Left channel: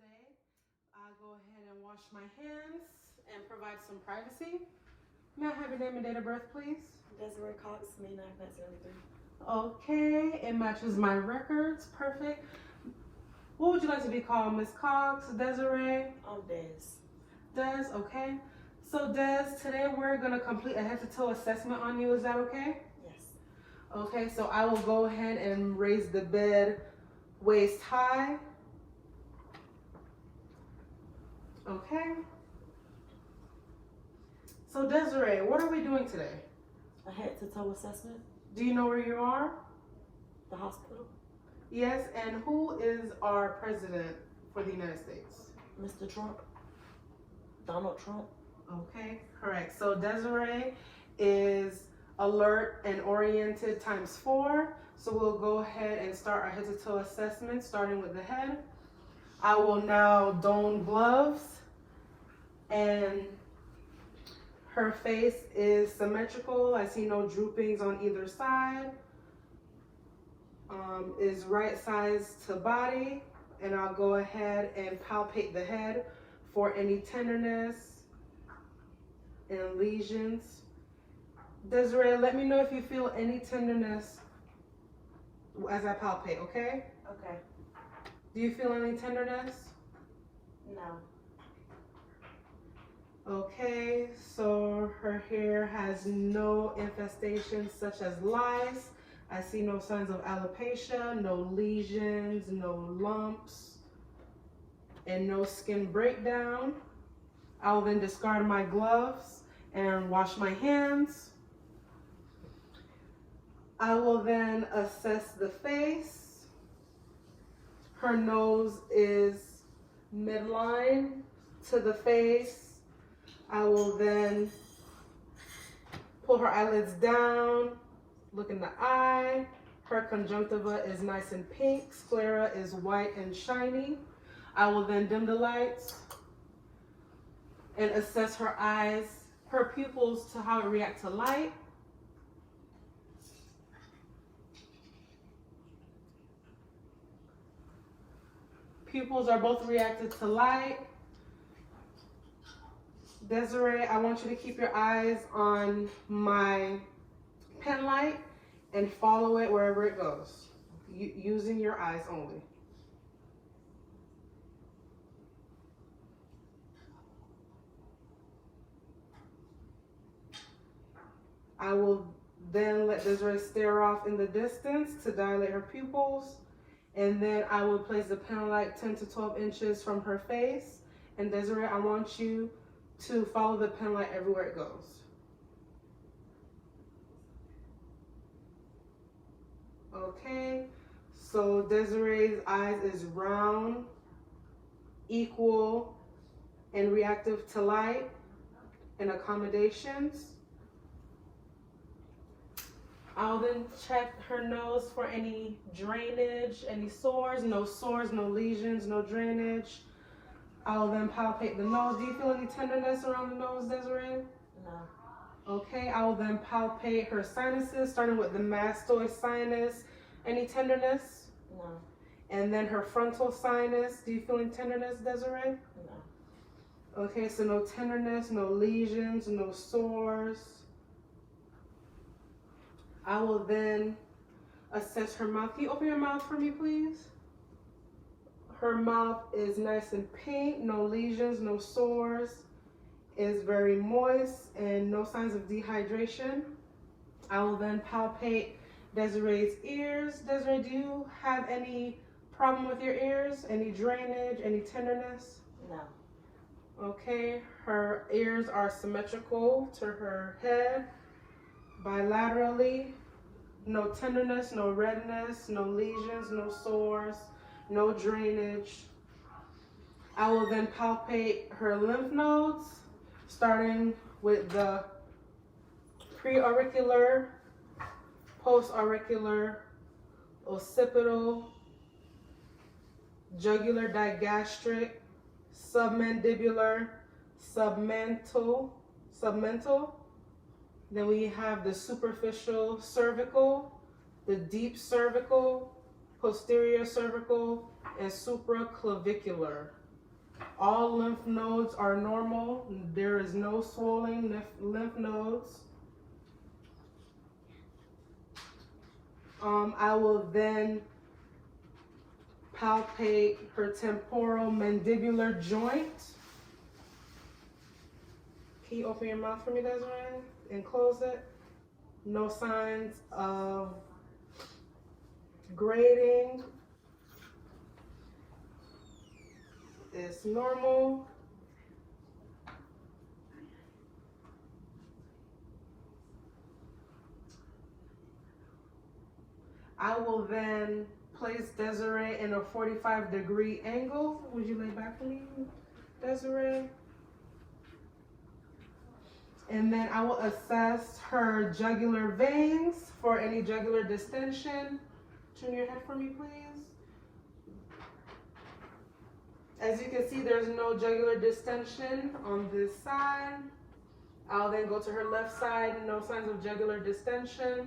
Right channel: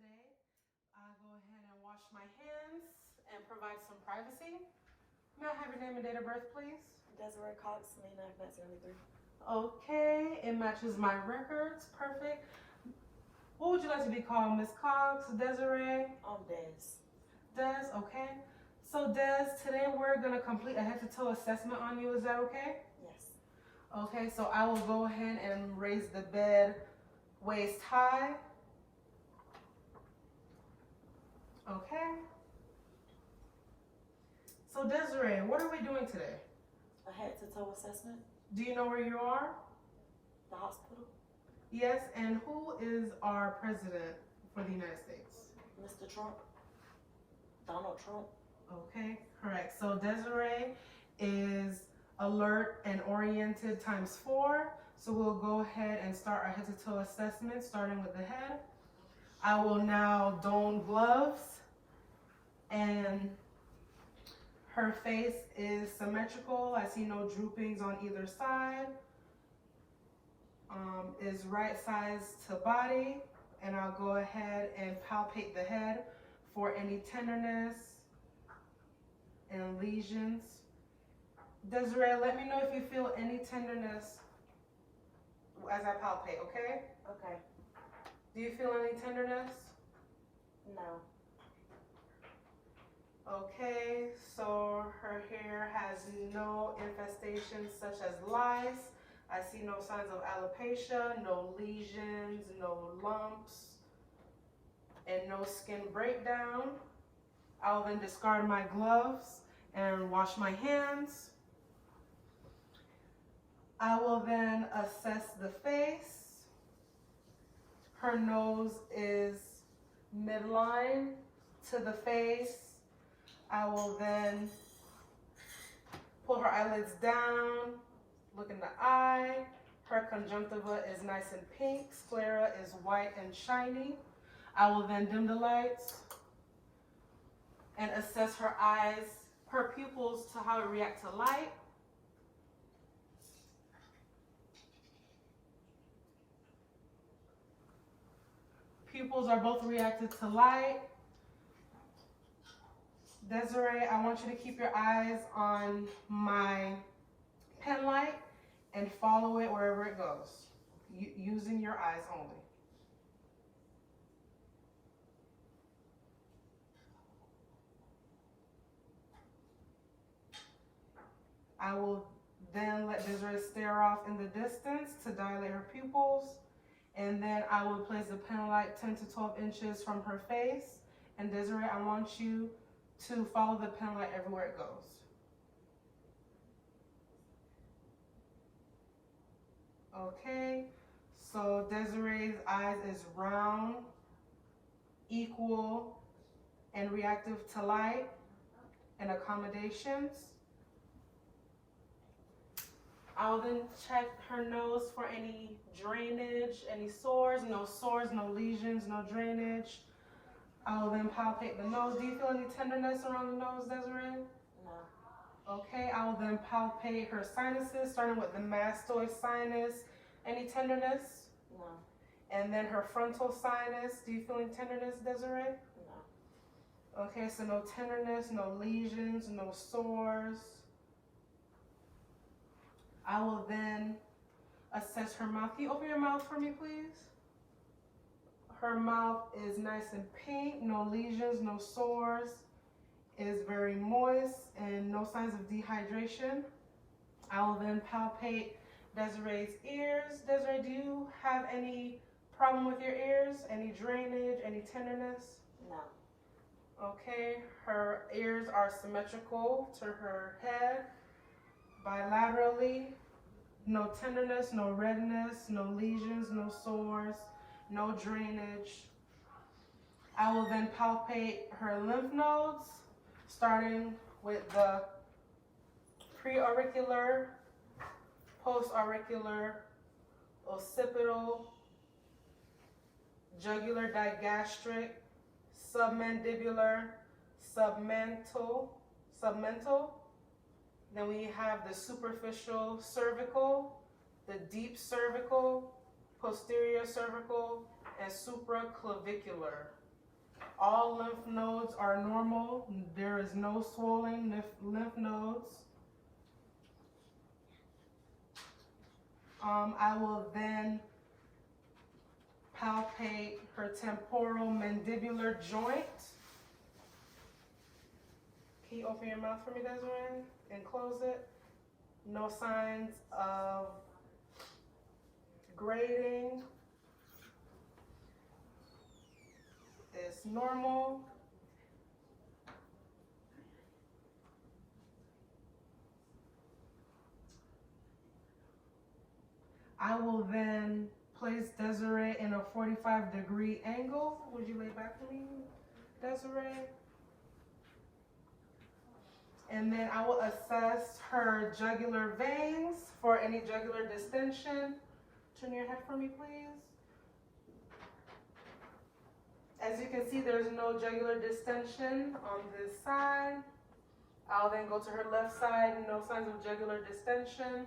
today. I'll go ahead and wash my hands and provide some privacy. May I have your name and date of birth, please? Desiree Cox, May 9th, 1993. Okay, it matches my records. Perfect. What would you like to be called, Miss Cox, Desiree? Des. Des, okay. So Des, today we're gonna complete a head-to-toe assessment on you. Is that okay? Yes. Okay, so I will go ahead and raise the bed waist high. Okay. So Desiree, what are we doing today? A head-to-toe assessment. Do you know where you are? The hospital. Yes, and who is our president for the United States? Mr. Trump. Donald Trump. Okay, correct. So Desiree is alert and oriented ×4. So we'll go ahead and start our head-to-toe assessment, starting with the head. I will now don gloves, and her face is symmetrical. I see no droopings on either side. Is right size to body, and I'll go ahead and palpate the head for any tenderness and lesions. Desiree, let me know if you feel any tenderness as I palpate, okay? Okay. Do you feel any tenderness? No. Okay, so her hair has no infestations such as lice. I see no signs of alopecia, no lesions, no lumps, and no skin breakdown. I will then discard my gloves and wash my hands. I will then assess the face. Her nose is midline to the face. I will then pull her eyelids down, look in the eye. Her conjunctiva is nice and pink. Sclera is white and shiny. I will then dim the lights and assess her eyes, her pupils to how it react to light. Pupils are both reacted to light. Desiree, I want you to keep your eyes on my pen light and follow it wherever it goes, using your eyes only. I will then let Desiree stare off in the distance to dilate her pupils, and then I will place the pen light 10 to 12 inches from her face. And Desiree, I want you to follow the pen light everywhere it goes. Okay, so Desiree's eyes is round, equal, and reactive to light and accommodations. I'll then check her nose for any drainage, any sores, no lesions, no drainage. I'll then palpate the nose. Do you feel any tenderness around the nose, Desiree? No. Okay, I will then palpate her sinuses, starting with the mastoid sinus. Any tenderness? No. And then her frontal sinus. Do you feel any tenderness, Desiree? No. Okay, so no tenderness, no lesions, no sores. I will then assess her mouth. Can you open your mouth for me, please? Her mouth is nice and pink, no lesions, no sores. Is very moist and no signs of dehydration. I will then palpate Desiree's ears. Desiree, do you have any problem with your ears? Any drainage, any tenderness? No. Okay, her ears are symmetrical to her head, bilaterally. No tenderness, no redness, no lesions, no sores, no drainage. I will then palpate her lymph nodes, starting with the preauricular, postauricular, occipital, jugular digastric, submandibular, submental. Then we have the superficial cervical, the deep cervical, posterior cervical, and supraclavicular. All lymph nodes are normal. There is no swelling lymph nodes. I will then palpate her temporal mandibular joint. Can you open your mouth for me, Desiree, and close it? No signs of grading. It's normal. I will then place Desiree in a 45-degree angle. Would you lay back for me, Desiree? And then I will assess her jugular veins for any jugular distension. Turn your head for me, please. As you can see, there's no jugular distension on this side. I'll then go to her left side, no signs of jugular distension.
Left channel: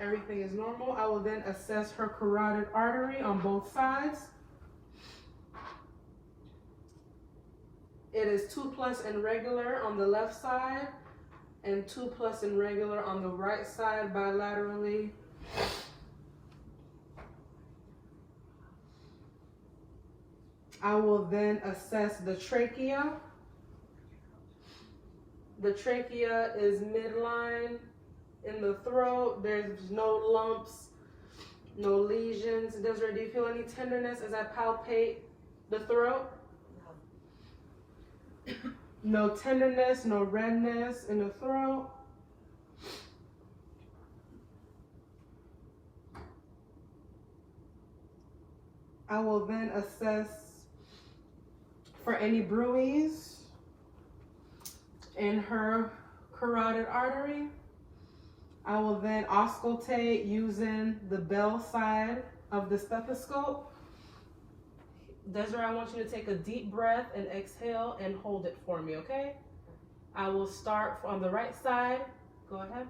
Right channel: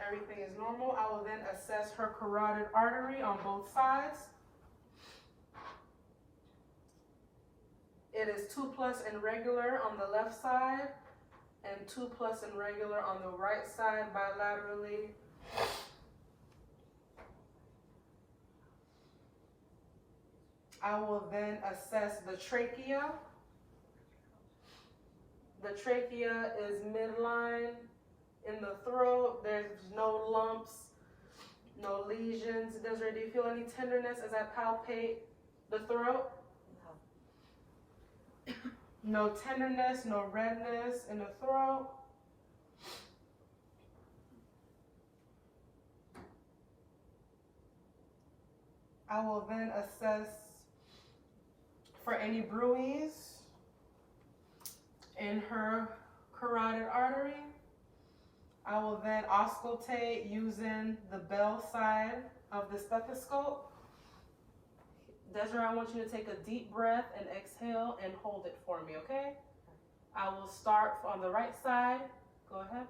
Everything is normal. I will then assess her carotid artery on both sides. It is 2+ and regular on the left side and 2+ and regular on the right side bilaterally. I will then assess the trachea. The trachea is midline in the throat. There's no lumps, no lesions. Desiree, do you feel any tenderness as I palpate the throat? No tenderness, no redness in the throat. I will then assess for any bruise in her carotid artery. I will then auscultate using the bell side of the stethoscope. Desiree, I want you to take a deep breath and exhale and hold it for me, okay? I will start on the right side. Go ahead.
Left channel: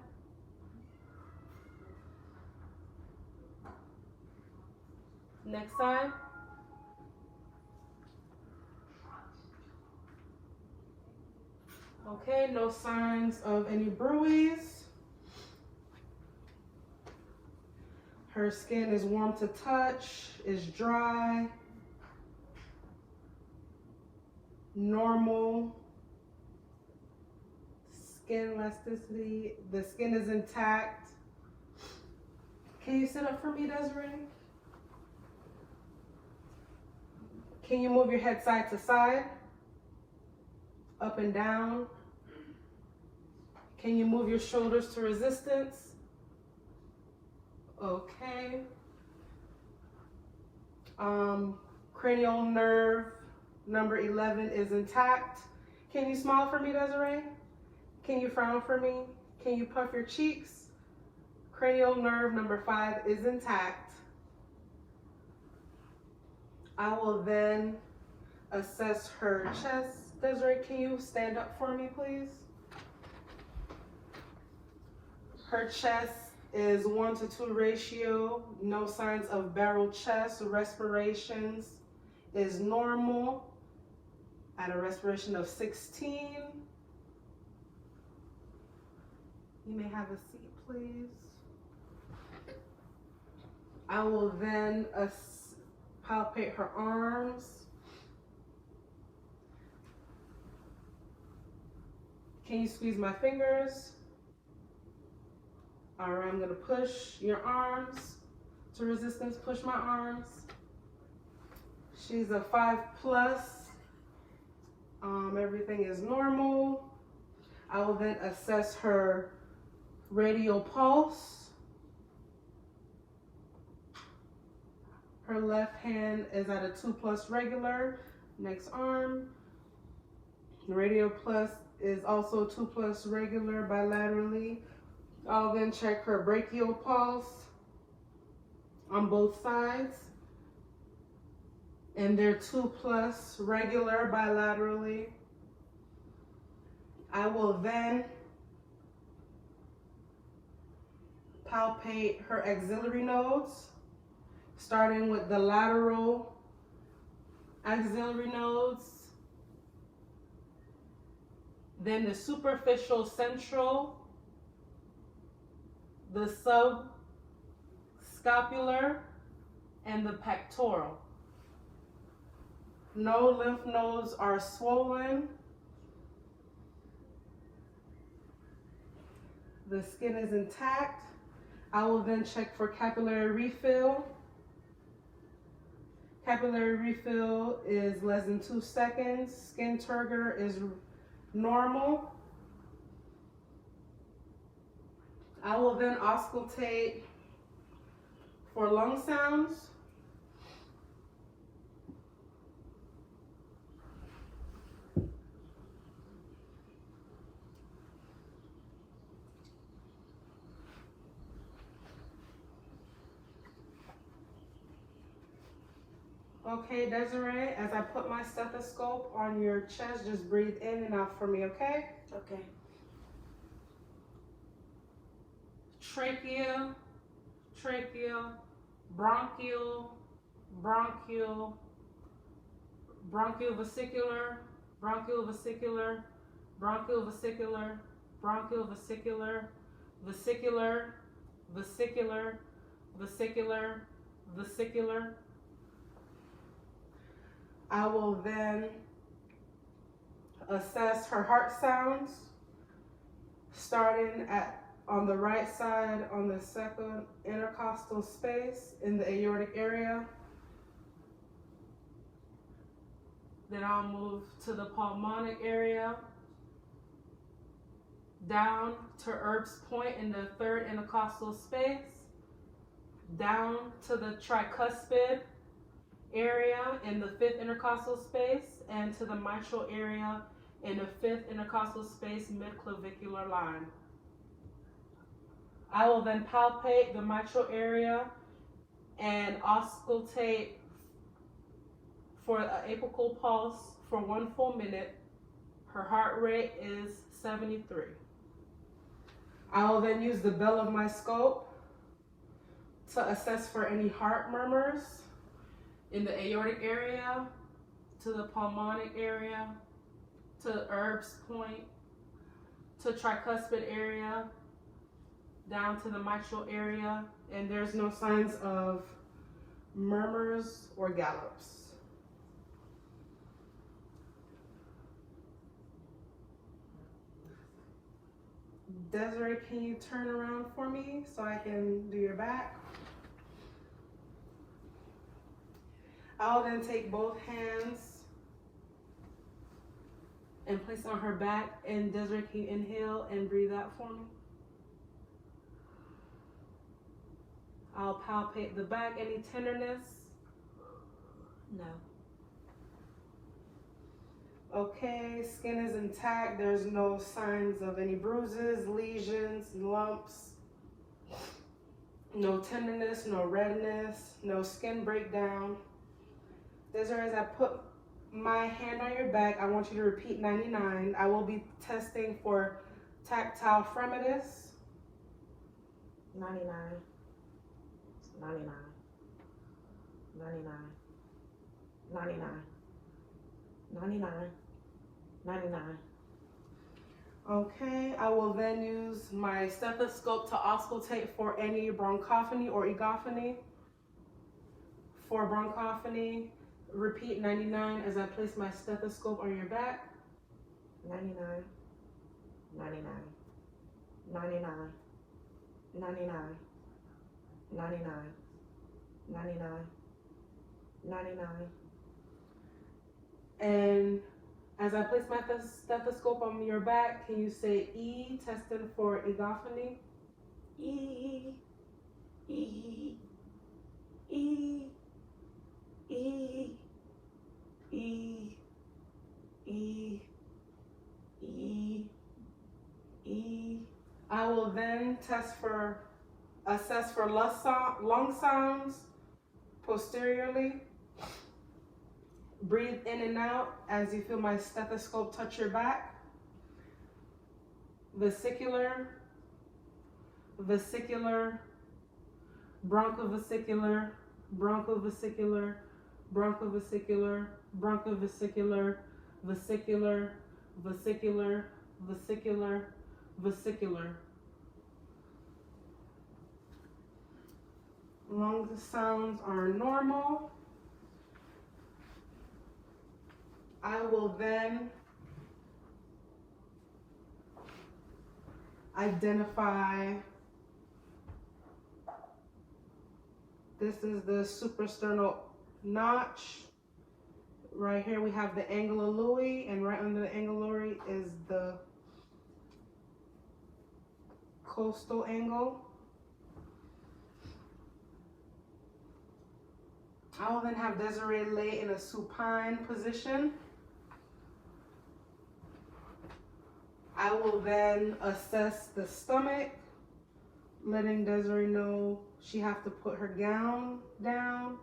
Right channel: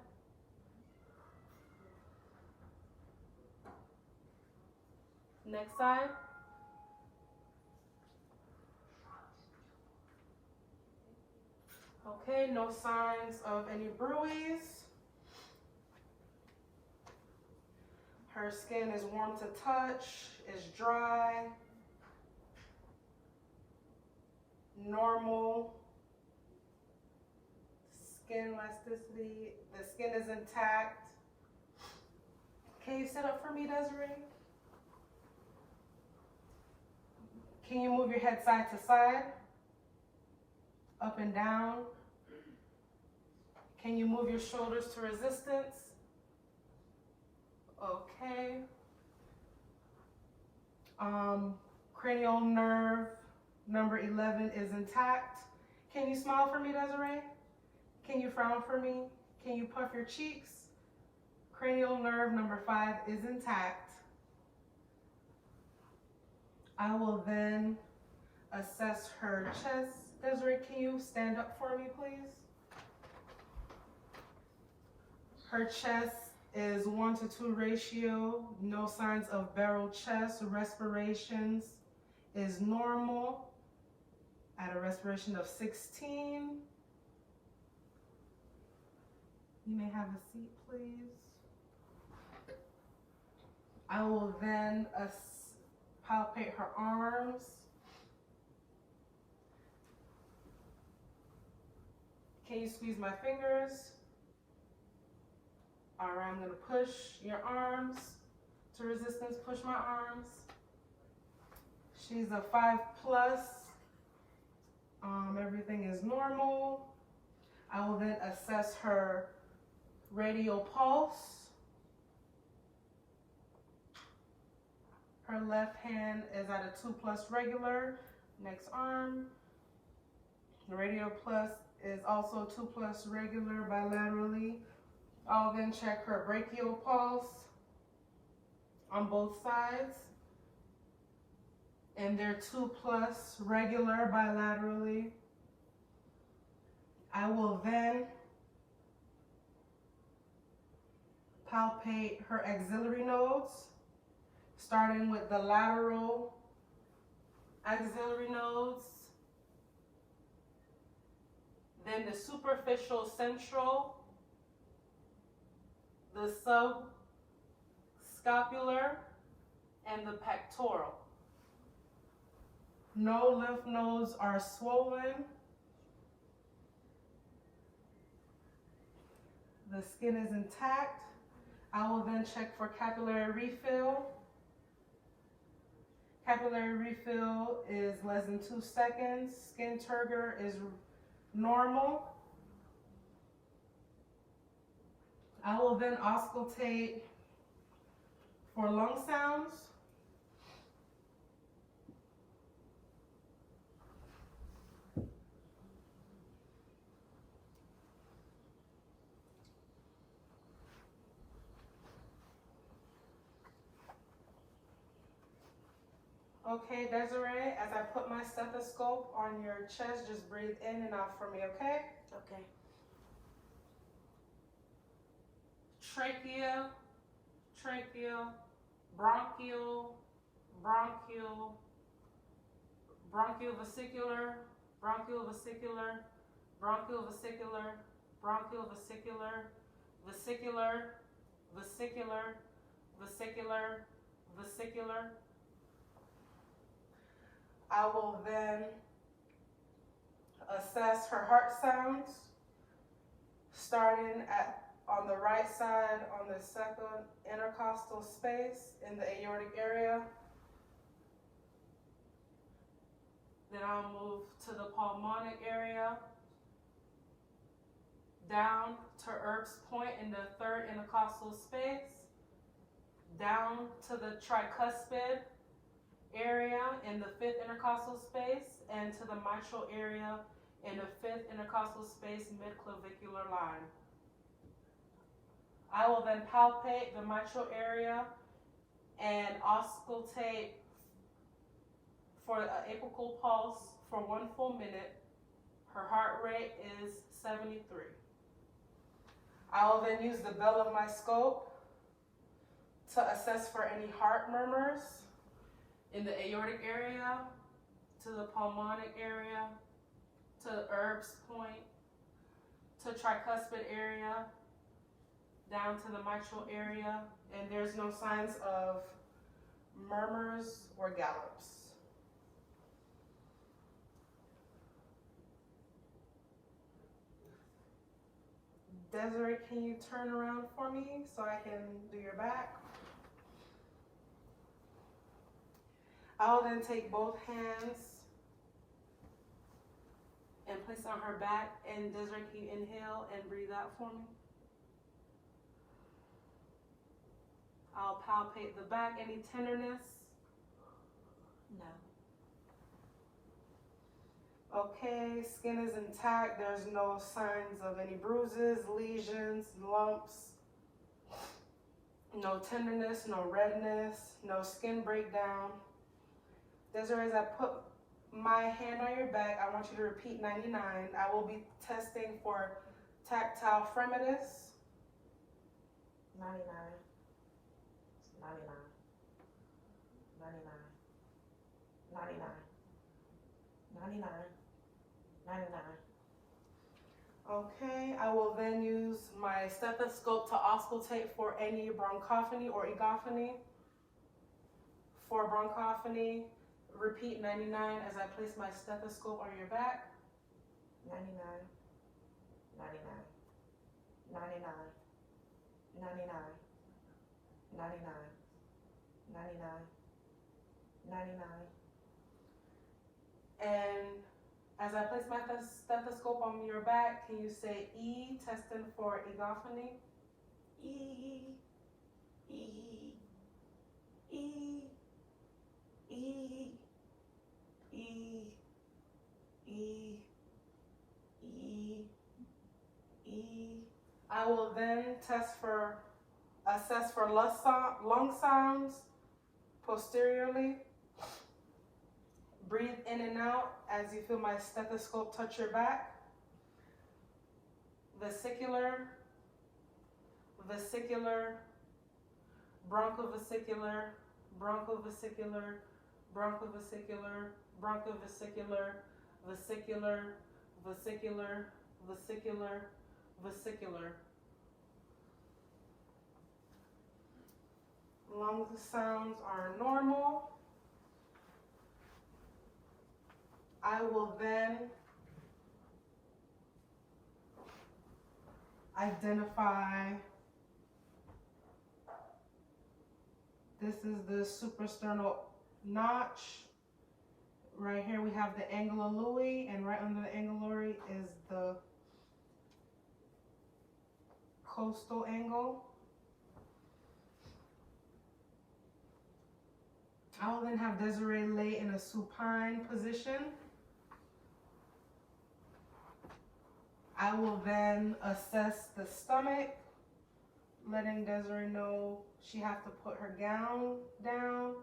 Next side. Okay, no signs of any bruise. Her skin is warm to touch, is dry, normal. Skin elasticity, the skin is intact. Can you sit up for me, Desiree? Can you move your head side to side? Up and down? Can you move your shoulders to resistance? Okay. Cranial nerve number 11 is intact. Can you smile for me, Desiree? Can you frown for me? Can you puff your cheeks? Cranial nerve number 5 is intact. I will then assess her chest. Desiree, can you stand up for me, please? Her chest is 1:2 ratio. No signs of barrel chest. Respirations is normal at a respiration of 16. You may have a seat, please. I will then palpate her arms. Can you squeeze my fingers? All right, I'm gonna push your arms to resistance, push my arms. She's a 5+. Everything is normal. I will then assess her radial pulse. Her left hand is at a 2+ regular. Next arm. Radial plus is also 2+ regular bilaterally. I'll then check her brachial pulse on both sides. And they're 2+ regular bilaterally. I will then palpate her axillary nodes, starting with the lateral axillary nodes. then the superficial central, the subscapular, and the pectoral. No lymph nodes are swollen. The skin is intact. I will then check for capillary refill. Capillary refill is less than 2 seconds. Skin turgor is normal. I will then auscultate for lung sounds. Okay, Desiree, as I put my stethoscope on your chest, just breathe in and out for me, okay? Okay. Trachea, trachea, bronchial, bronchial, bronchial vesicular, bronchial vesicular, bronchial vesicular, bronchial vesicular, vesicular, vesicular, vesicular, vesicular. I will then assess her heart sounds, starting on the right side on the second intercostal space in the aortic area. Then I'll move to the pulmonic area, down to Erb's point in the third intercostal space, down to the tricuspid area in the fifth intercostal space, and to the mitral area in the fifth intercostal space mid-clavicular line. I will then palpate the mitral area and auscultate for an apical pulse for 1 full minute. Her heart rate is 73. I will then use the bell of my scope to assess for any heart murmurs in the aortic area, to the pulmonic area, to Erb's point, to tricuspid area, down to the mitral area, and there's no signs of murmurs or gallops. Desiree, can you turn around for me so I can do your back? I'll then take both hands and place on her back, and Desiree, can you inhale and breathe out for me? I'll palpate the back. Any tenderness? No. Okay, skin is intact. There's no signs of any bruises, lesions, lumps. No tenderness, no redness, no skin breakdown. Desiree, as I put my hand on your back, I want you to repeat 99. I will be testing for tactile fremitus. 99. 99. 99. 99. 99. 99. Okay, I will then use my stethoscope to auscultate for any bronchophony or egophony. For bronchophony, repeat 99 as I place my stethoscope on your back. 99. 99. 99. 99. 99. 99. 99. And as I place my stethoscope on your back, can you say E, testing for egophony? E. E. E. E. E. E. E. E. I will then assess for lung sounds posteriorly. Breathe in and out as you feel my stethoscope touch your back. Vesicular, vesicular, bronchovesicular, bronchovesicular, bronchovesicular, bronchovesicular, vesicular, vesicular, vesicular. Lung sounds are normal. I will then identify, this is the suprasternal notch. Right here we have the angula lui, and right under the angula lui is the costal angle. I will then have Desiree lay in a supine position. I will then assess the stomach, letting Desiree know she has to put her gown down.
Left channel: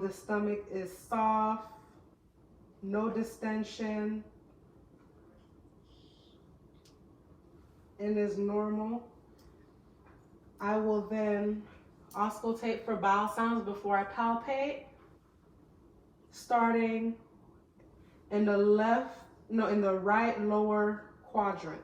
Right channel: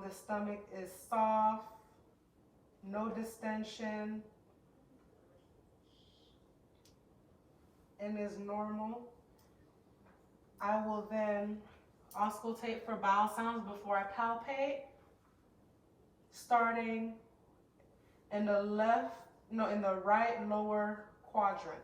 The stomach is soft, no distension, and is normal. I will then auscultate for bowel sounds before I palpate, starting in the right lower quadrant.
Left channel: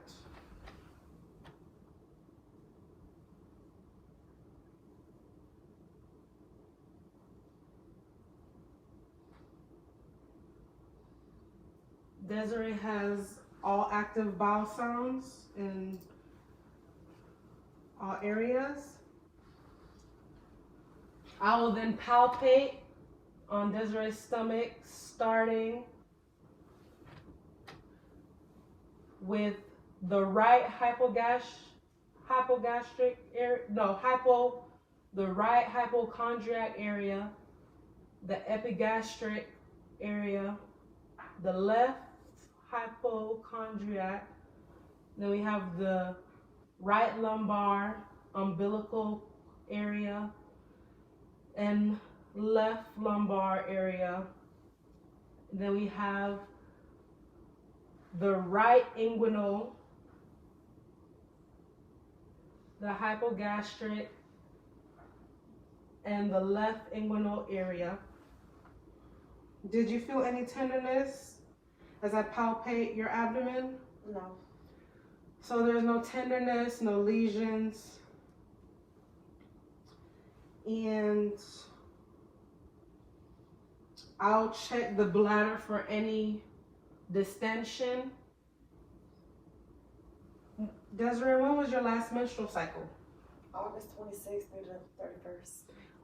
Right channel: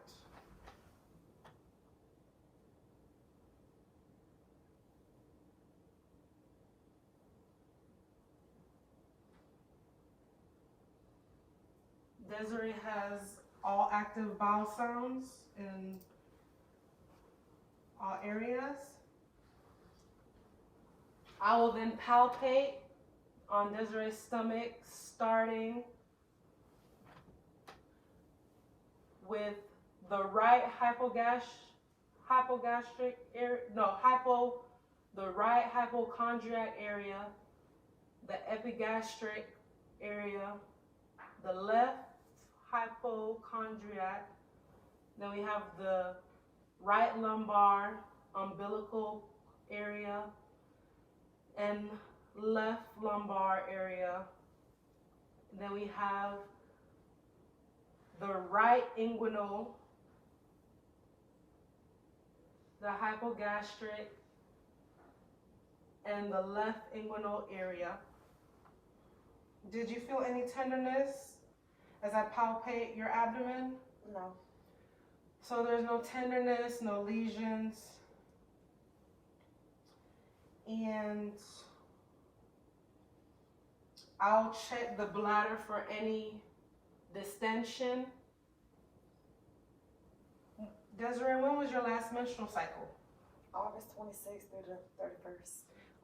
Desiree has all active bowel sounds in all areas. I will then palpate on Desiree's stomach, starting with the right the right hypochondriac area, the epigastric area, the left hypochondriac. Then we have the right lumbar umbilical area and left lumbar area. Then we have the right inguinal, the hypogastric, and the left inguinal area. Did you feel any tenderness as I palpate your abdomen? No. So there's no tenderness, no lesions. And I'll check the bladder for any distension. Desiree, when was your last menstrual cycle? August 26th through the 31st.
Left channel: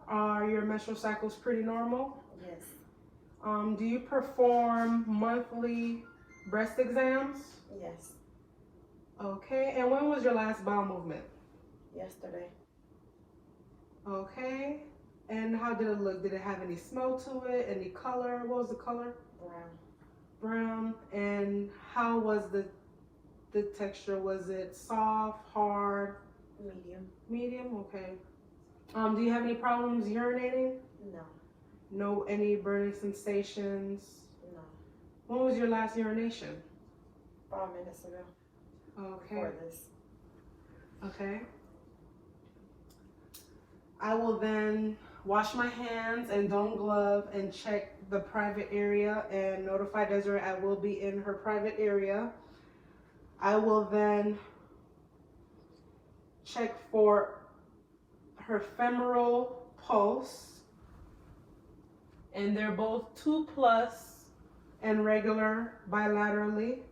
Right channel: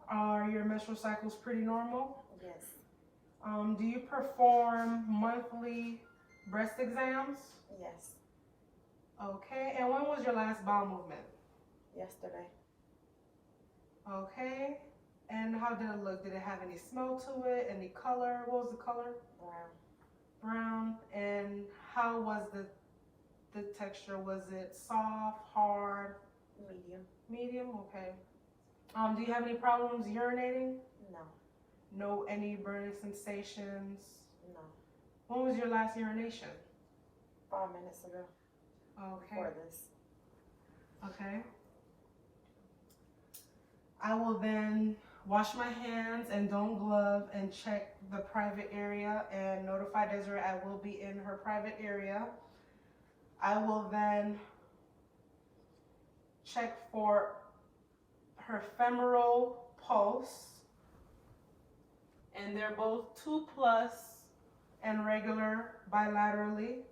Are your menstrual cycles pretty normal? Yes. Do you perform monthly breast exams? Yes. Okay, and when was your last bowel movement? Yesterday. Okay, and how did it look? Did it have any smell to it? Any color? What was the color? Brown. Brown. And how was the texture? Was it soft, hard? Medium. Medium, okay. Do you have any problems urinating? No. No, any burning sensations? No. When was your last urination? 5 minutes ago. Okay. For this. Okay. I will then wash my hands and don't glove and check the private area and notify Desiree I will be in her private area. I will then check for her femoral pulse, and they're both 2+ and regular bilaterally.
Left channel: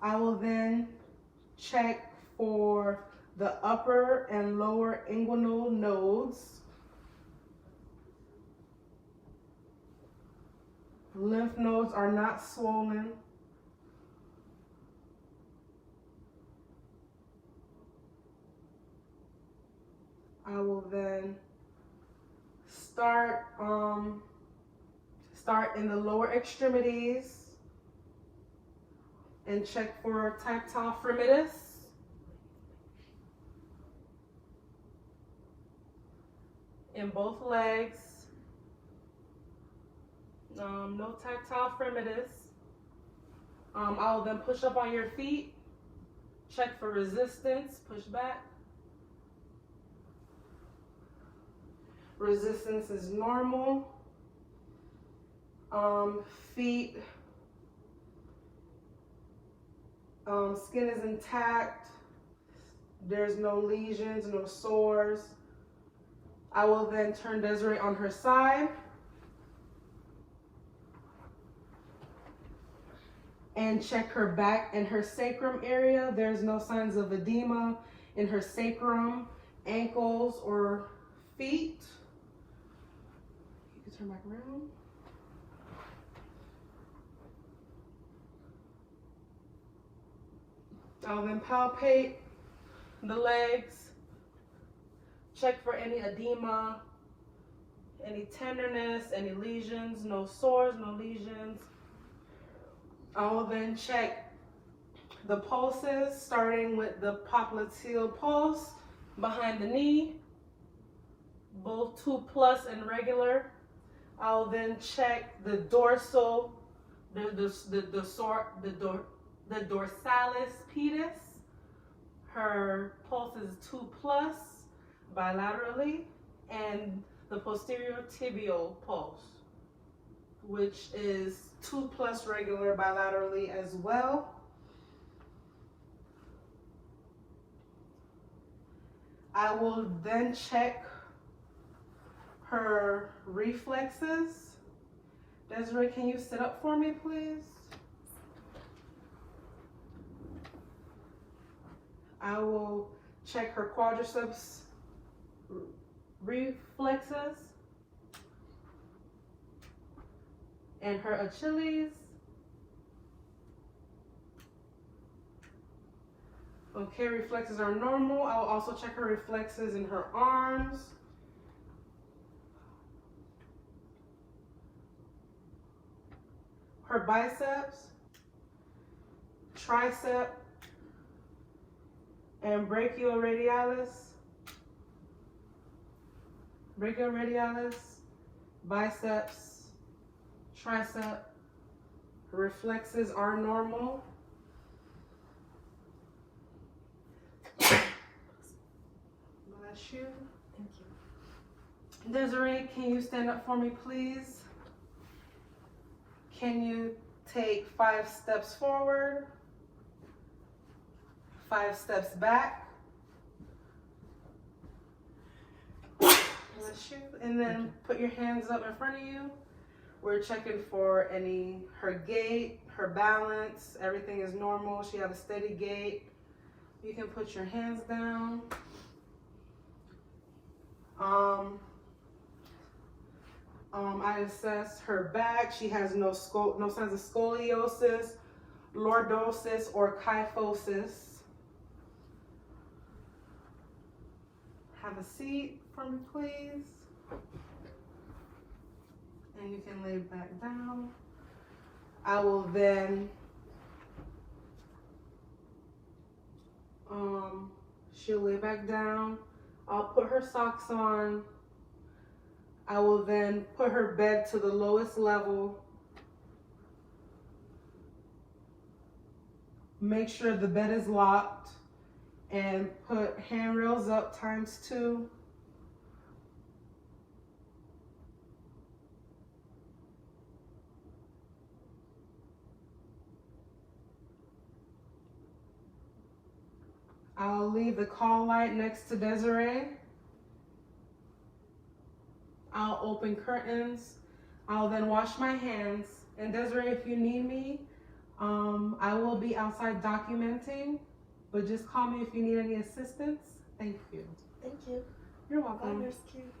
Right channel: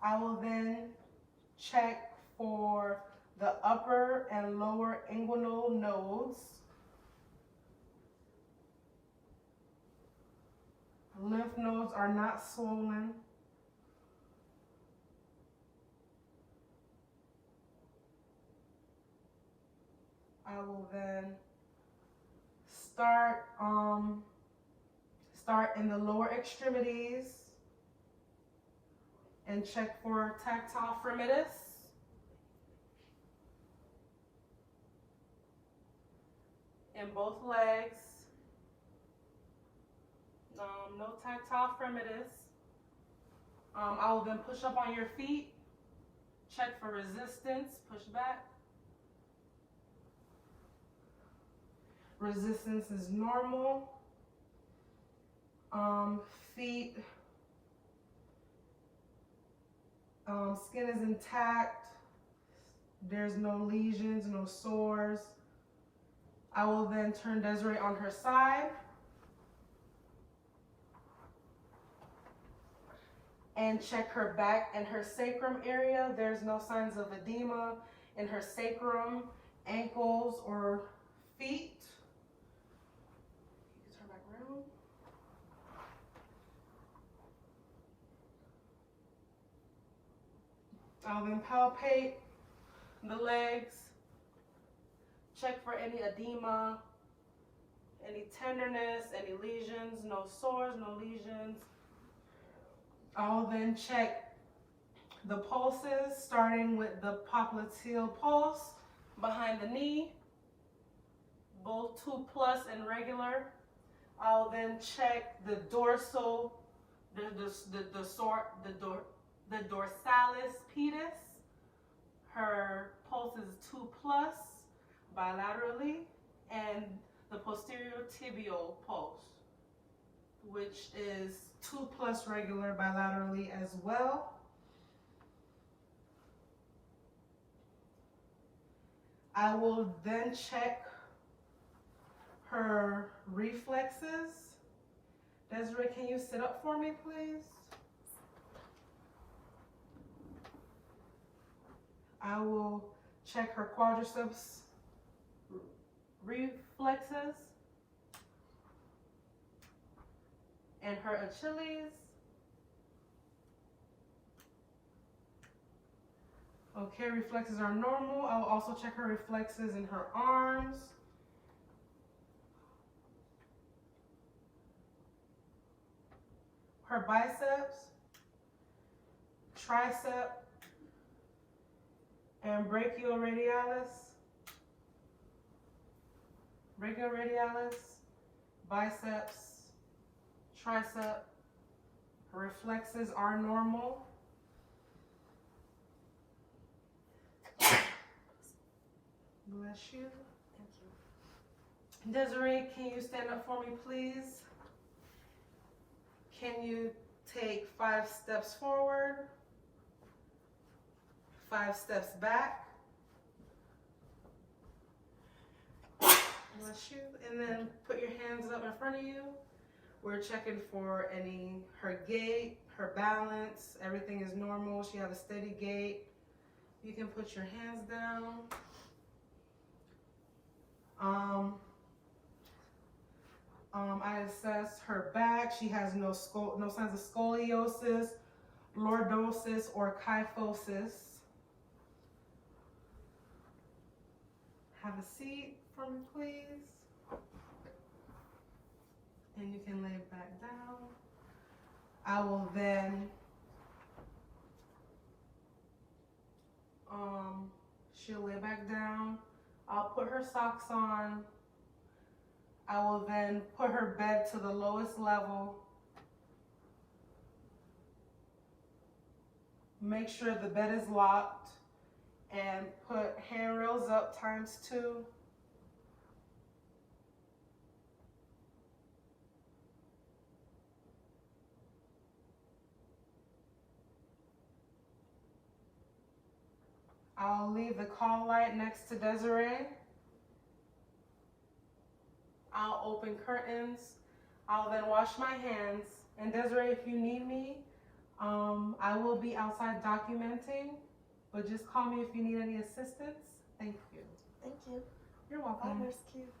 I will then check for the upper and lower inguinal nodes. Lymph nodes are not swollen. I will then start in the lower extremities and check for tactile fremitus. In both legs. No tactile fremitus. I will then push up on your feet, check for resistance, push back. resistance is normal. Feet, skin is intact. There's no lesions, no sores. I will then turn Desiree on her side and check her back and her sacrum area. There's no signs of edema in her sacrum, ankles, or feet. You can turn back around. I'll then palpate the legs, check for any edema, any tenderness, any lesions, no sores, no lesions. I will then check the pulses, starting with the popliteal pulse behind the knee, both 2+ and regular. I will then check the dorsal, the dorsalis pedis. Her pulse is 2+ bilaterally, and the posterior tibial pulse, which is 2+ regular bilaterally as well. I will then check her reflexes. Desiree, can you sit up for me, please? I will check her quadriceps reflexes and her Achilles. Okay, reflexes are normal. I will also check her reflexes in her arms. Her biceps, tricep, and brachioradialis, biceps, tricep. Reflexes are normal. Bless you. Thank you. Desiree, can you stand up for me, please? Can you take 5 steps forward, 5 steps back? Bless you. And then put your hands up in front of you. We're checking for her gait, her balance. Everything is normal. She has a steady gait. You can put your hands down. I assessed her back. She has no signs of scoliosis, lordosis, or kyphosis. Have a seat for me, please. And you can lay back down. I will then she'll lay back down. I'll put her socks on. I will then put her bed to the lowest level. Make sure the bed is locked and put handrails up ×2. I'll leave the call light next to Desiree. I'll open curtains. I'll then wash my hands. And Desiree, if you need me, I will be outside documenting, but just call me if you need any assistance. Thank you. Thank you. You're Bye, welcome. Nurse Q.